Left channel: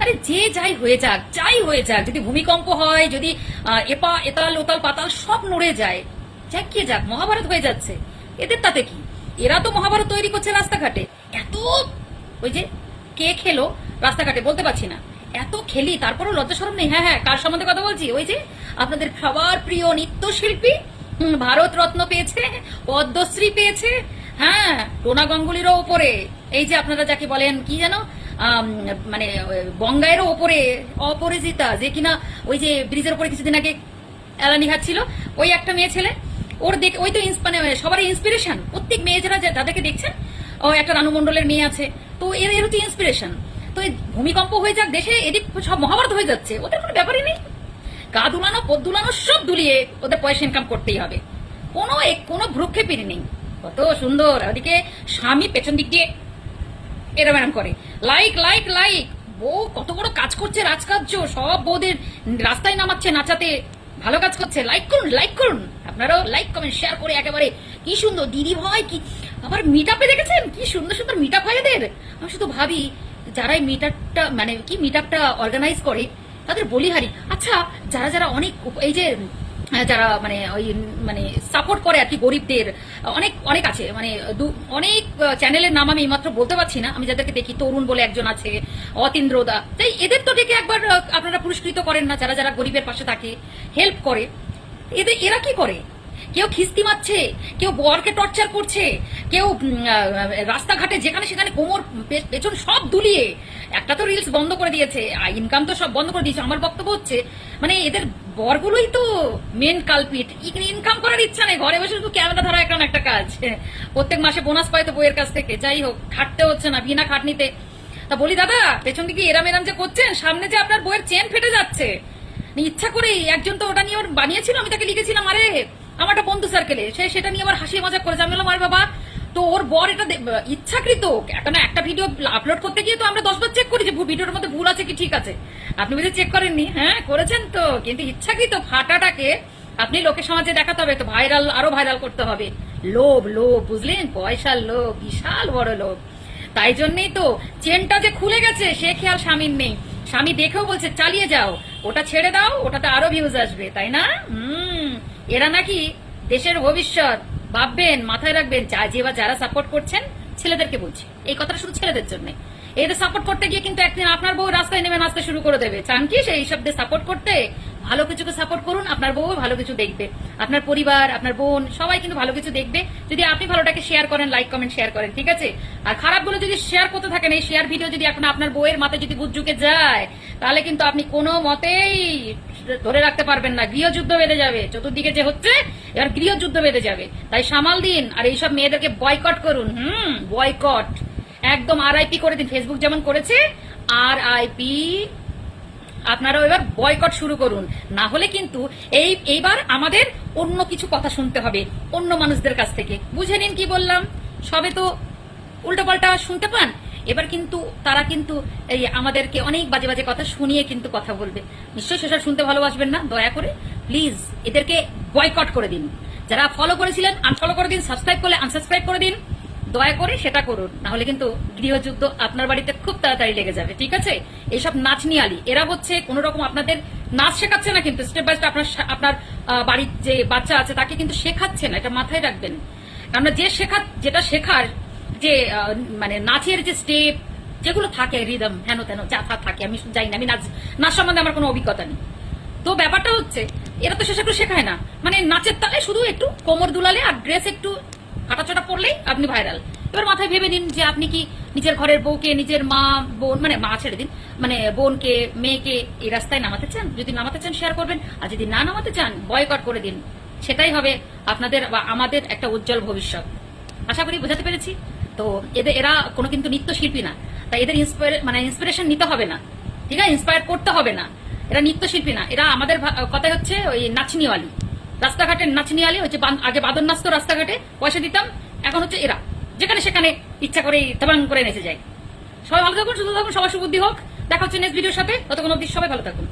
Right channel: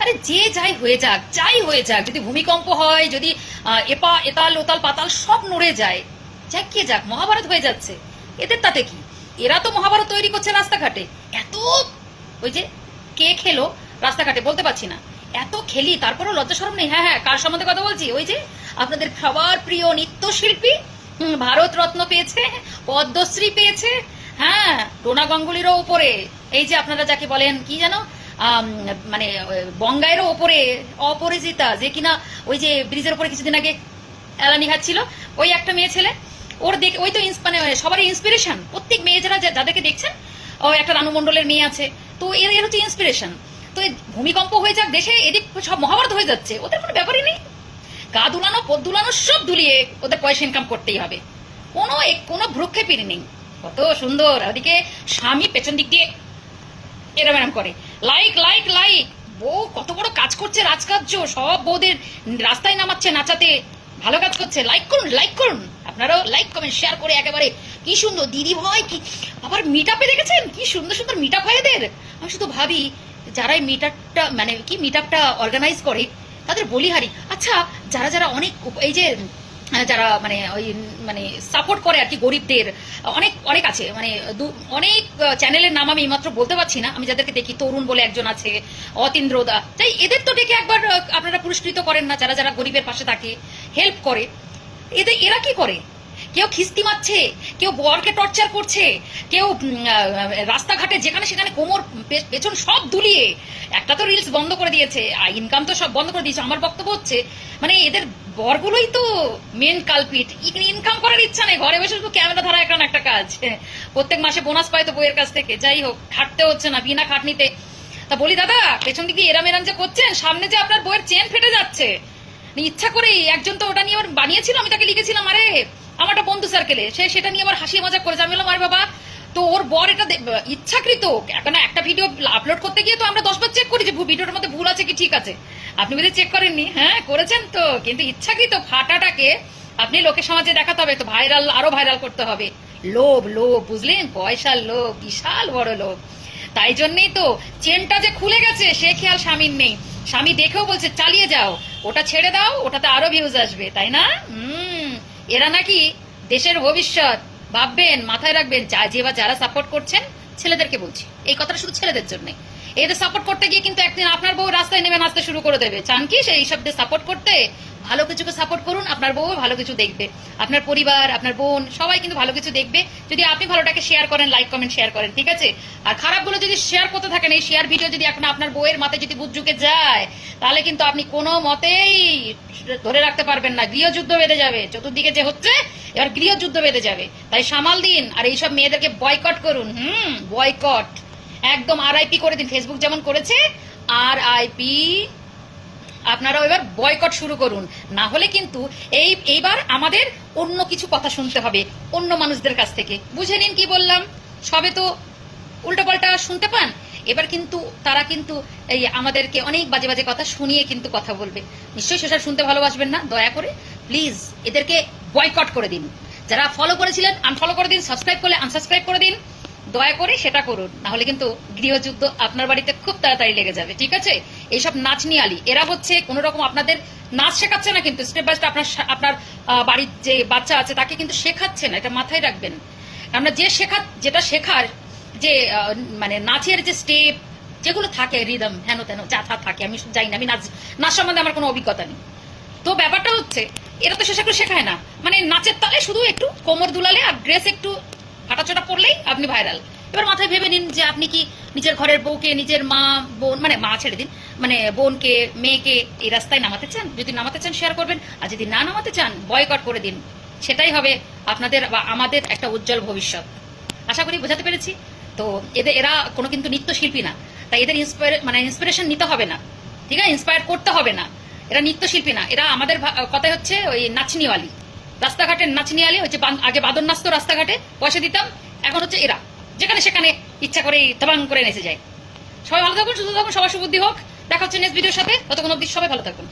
আরে যে যাই হয়ে যাক যাই হয়ে যাক যদি ভূমিকম্প হয় যদি এপা এতাল ওতাল পাতাল সব নড়ে যায় যাক কে যাক মহাভারত হয়ে যাচ্ছে। এদের তাতে কি? এরা তো মহাভারত তৈরি করছে রাস্তাঘাটে। এত ওই যে কে খেলো রাস্তাঘাটে বলতে পারছি না। এত খেলি তারপরও লজ্জা সরম নেই। হ্যাঁ হ্যাঁ কার সম্বন্ধে কথা বলছি? ওই যে আপনাদের সবার প্রিয় নৃত্যশিল্পী ভারত রত্ন পেয়েছে পদ্মশ্রী পেয়েছে হ্যাঁ টোনা গাঙ্গুলিরও উপরে। এই যে আপনারা যাকে বলেন কি আম, মানে বঙ্গায়েরও ওপরে অপরাজিতা যে কিনা ওই যে ব্রিজের উপরে কিছুদিন আগে এলানি ছিল, ওই একটা মেয়ে ছেলে, ওর দেখ, ওই তো মানে সবারই ইন্সপিরেশন প্রত্যেক মেয়ে যারা যাদেরকে দেখছেন, ও একটা রানু মণ্ডলের মেয়ে আছে, তো এর এর হচ্ছে ইন্সপিরেশন তো ভূমিকম্প হয়ে যাক, দেশে এদিক সব মহাভারত হয়ে যাচ্ছে, ওদের কোনো ব্যাপারই নেই, গা দুলানো পদ দুলানো, সব দুলিয়ে ওদের পয়সা ইনকাম করতেই হবে, কোনো কোনো ভ্রুক্ষেপেরই নেই, কত সুন্দর, ওদিকে স্বামী পেছন দিক দিয়ে এরম এরম করে। লাইক লাইক লাইক বউ কত বড় কাজ করছে, রাজকার্য। সব বউদের রাস্তায় নামাচ্ছে, নাচাতে। ভালো কাজ করছে। লাইক করুন লাইক করুন। আপনারাও লাইক কমেন্ট শেয়ার করে একেবারে। কি সুন্দর, দিদি ভাই, কি আবার মিট আপে দেখেছেন? কি সুন্দর সুন্দর মিট আপ হয় এদের। আমি শুধু ভাবি, যারা এই মিট আপটা মানে কি মিট আপটা অর্গানাইজ করে, তাদের বলিহারি আচ্ছা যারা যারা অনেক এই যে যারা মানে ওই মানে সাপোর্ট করে আর কি গরিবদের, অনেক অনেক আছে। মানে অনেক চ্যানেলের নাম আমি এইমাত্র বলতে পারছি না। আমি যাদেরকে দেখি, তরুণ বলে একজন আছে অতীন্দ্রদা তাই এদের তো ডেকে একবার আপনারা পুরস্কৃত করেন না, যারা যারা গরিবের পাশে থাকে হেল্প করে। এদের, এরা কি করে? কেউ খিস্তি মারছে, কেউ বরকে টর্চার করছে, কেউ রাস্তাঘাটে যেখানে সেখানে কোমর পেছন সব দুলিয়ে, একটা তো রিলস বন্ধ করে দিয়েছে ইনকাম তো সব বন্ধ করে দিয়েছে। আমার বক্তব্য হচ্ছে মানে এদের বরগুলোই তো মেন কালপিট ইনকাম করার ইচ্ছা নেই, ঘরে বসে শুধু ক্যামেরা ধরা এখন একটা কাজ। প্রত্যেক মাসে বোনাস পায় তো বইয়ের কাছ থেকে, যাই হোক, খাটতে হচ্ছে না, বিনা খাটনিতে। তা বলি, দাদা, পেছন দিকে এরাম এরাম যে করছেন, সামনে যে আপনার বইয়ের চেন ফেটে যাচ্ছে। মানে ইচ্ছা করেই একজন তো ওটা নিয়ে বানিয়েছিল, আমি তাকে লিখেছিলাম, আরে, আমার একটা বন্ধু সার্কেলে সে সেটা নিয়ে আবার হাসি মজা করেছে। আমি বললাম, আরে বাবা তো ওর বর এটা ইচ্ছাকৃত। এখন একটা ভিডিও আপলোড করতে গিয়ে তো আমরা দশবার চেক করি যে ভিডিওর মধ্যে ভুল আছে কি ঠিক আছে। আপনি বোধহয় চেক করেননি? হ্যাঁ করেছেন তো। কিন্তু ইচ্ছাকৃত ফাটাটাকে আপনি লোকের সমাজে দেখাতে হবে। তো ভাইরাল আরও ভাইরাল করতে হবে। লোভ লোভ, বুঝলেন? পয়সার লোভ, বিশাল বড় লোভ। তাই জন্যই তো চেনটা যে খুলে গেছে, সে খেয়াল স্বামীর নেই। স্বামী দেখেও বলছে, চালিয়ে যাও। ওটা ছেড়ে দাও, ওটাতে আরও ভিউজ আসবে। তাই না? হুম। এরা নাকি দেশের ভবিষ্যৎ। ভাববেন, মাথায় রাখবেন, যা বা যারা সাপোর্ট করছেন, ছেলেদেরকে বলছি। এই কথাটা শুধু ছেলেদের জন্য। এদের সাপোর্ট করতে গিয়ে কিন্তু একদিন আপনার বউ রাস্তায় নেমে নাচতে শুরু করে দেবে। চান কি সেই সব সাপোর্ট করতে? ভালো কিছুকে সাপোর্ট করুন, আপনার বউ ভালো কিছু দেখবে। আপনার পরিবার, আপনার বোন, সবাই কিন্তু ভালো কিছু দেখবে। যদি আপনি ভালোটাকে শেয়ার করেন লাইক কমেন্ট শেয়ার করেন, ঠিক আছে? আর খারাপগুলো যদি শেয়ার করতে থাকেন, এই শেয়ার ভিডিও যদি এখন আপনার বউয়ের মাথায় যদি বুঝ যায়, তাহলে কিন্তু আপনি কোনো মতেই ধরে রাখতে পারবেন না। গৃহযুদ্ধ বেঁধে যাবে। চতুর্দিকে যে হচ্ছে এবার গৃহযুদ্ধ বেঁধে যাবে। তাই সামাল দিন আর এইসব মেয়েদেরকে বয়কট করুন। হুম বয়কট একদম আরআইপি করে দিন। ফেসবুক যেমন করেছে আর আইপি আপনারাও এবার বয়কট শুরু করুন। না হলে কিন্তু এই, এইবার আমাদের অন্য কিছু কথা শুনতে হবে অন্য মানুষদের কাছ থেকে। বুঝে নিন কি বললাম? সবে তো উল্টোপাল্টা শুনতে পান। এবার কিন্তু তারা কিন্তু এই আমাদেরকে অনেক বাজে বাজে কথা শুনিয়ে কিন্তু কথা বলবে। নিশ্চয়ই সেসব শুনতে ভালোবাসবেন না। দয়া করে প্লিজ এদেরকে বয়কট করে দিন। যারা ফলো করেছিলেন আনফলো করে দিন সাবস্ক্রাইব করলে আনসাবস্ক্রাইব করে দিন। দয়া করে সেটা করুন, না হলে কিন্তু গৃহযুদ্ধ আপনার বাড়িতে খুব তাড়াতাড়ি লেগে যাবে, ঠিক আছে? এইসব নাচ নিয়ে আলি এরা হচ্ছে কোন রকম আপনাদের নাচ শেখাচ্ছে না কিন্তু স্টেপ বাই স্টেপ আপনার আপনার বাড়ির যে বাচ্চা আছে তাকে কিন্তু শেখাচ্ছে না, এটা মাথায় রাখবেন। আমরা যে শেখা, যেটা শেখার যে মানে নাচের যে স্টেপ যেগুলো থাকে রিদম হেন তেন যা থাকে, আমি জানি না, আমি নাচ নাচ সম্বন্ধে আমার কোনো অভিজ্ঞতা নেই। তো ব্যাপারটা হচ্ছে এরা তো সেসব শেখায় না। মানে নাচের তালে শুধু একটু কোমর দুলালে আর ড্রেস একটু ফাটাচোটা পড়লেই আপনি ভাইরাল এবার মাথায় ভেবে নিন যে আপনি কি নিজের ঘরের বউকে, নিজের মা, বোন মানে মা ছেড়ে দিন মানে বোনকে, মেয়েকে এই রাস্তায় নামাতে চান? যদি নামাতে চান শেয়ার করবেন। আর যদি না নামাতে চান বয়কট করে দিন। সেটাই হবে আপনাদের বা আমাদের একটা উজ্জ্বল ভবিষ্যৎ। আশা করি বোঝাতে পেরেছি। তো এদের এরা কোনো কিন্তু নৃত্যশিল্পী না। তাই এদের ইন্সপায়ার মানে ইন্সপিরেশন নিতে হবে না। ঠিক আছে? ইন্সপায়ার করতে হবে না। এরা নৃত্যশিল্পী না। এরা আমাদের কথা হচ্ছে ওই নাচনিওয়ালি। রাস্তাঘাটের নাচনিওয়ালি হচ্ছে আগে বাদন নাচত রাস্তাঘাটে, পয়সা দিতাম, এখন হচ্ছে এরা। যেখানে সেখানে ইচ্ছা করে তাবাং করে নেচে যায়। সবাই ভালো থাকুন, সুস্থ থাকুন, সবার সুবুদ্ধি হোক। দেখা হচ্ছে নেক্সট ভিডিওর সাথে। ততক্ষণ অব্দি সবাই ভালো থাকুন।